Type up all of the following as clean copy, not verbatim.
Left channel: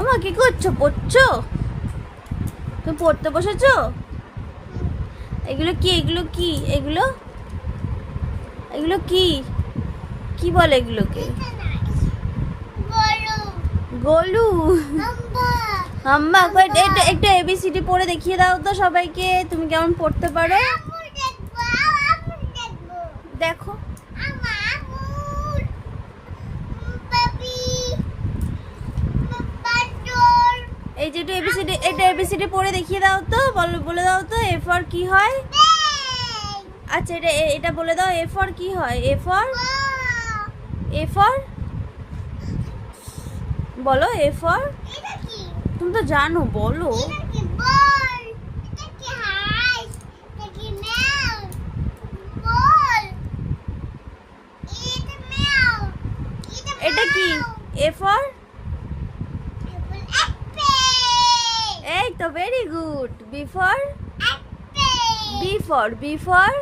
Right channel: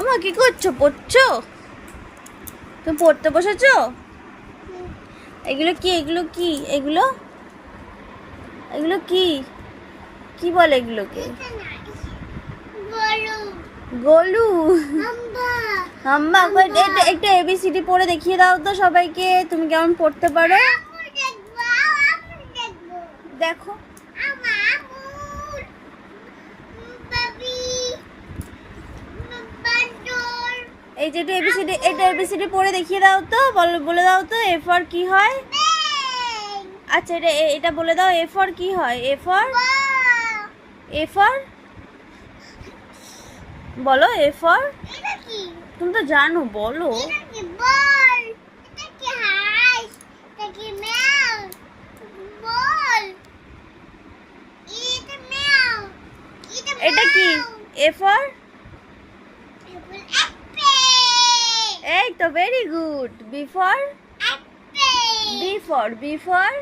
আমা কি করছো? পড়ছো? তুমি পড়তে বসেছো? এগুলো কি? এগুলো কি? এগুলো এগুলো কি? কি বলে এগুলোকে? গোলু। আম্মা একটু এবিসিডি পড়ে দেখিয়ে দাও তো সবাইকে, তুমি কেমন পড়তে পারো। দেখো এই যে একটু এবিসিডি পড়ে দেখিয়ে দাও তো, বলে দাও তো এ ফর কি হয়। আচ্ছা এটা বলে দাও, এ ফর কি হয়? এ ফর বলো, এ ফর। তুমি তো জানো, বলো। এটা কি? A for. এই তো very good. B for. B for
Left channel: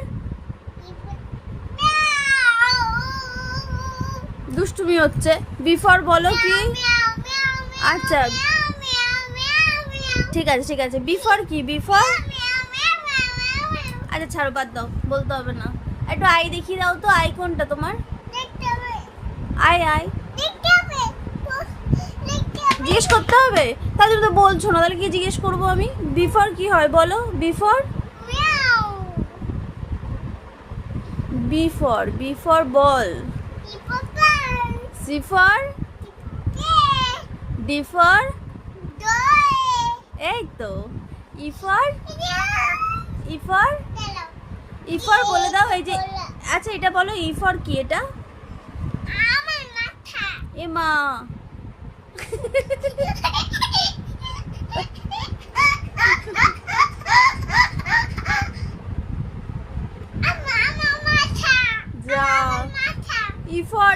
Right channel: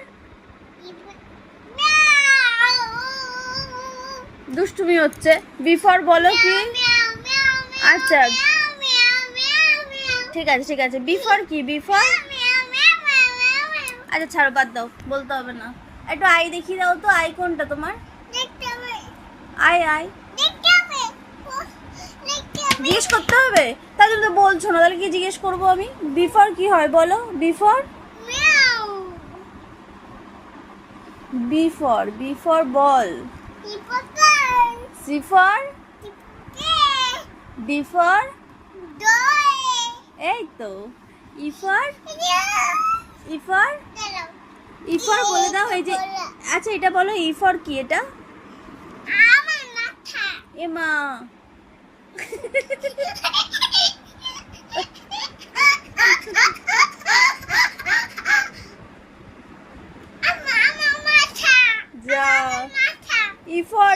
দুষ্টুমি হচ্ছে। বি ফর বলো কি? আচ্ছা ঠিক আছে বি ফর কি? B for. আচ্ছা ছাড়ো, বাদ দাও, বলতে হবে না। একটু আই দেখিয়ে দাও তো, আই কোনটা তোমার? আই জিজ্ঞেস করতে হবে? তাহলে তুমি তো বলছো না, তাহলে কি জিজ্ঞেস করবো আমি? বি ফর কি হয় বলো? B for ball. C for. D for. এই তো। ই ফর বলে দাও। এই যে আচ্ছা এটা বলো, ই ফর কি? এটা এ মা। যা। E for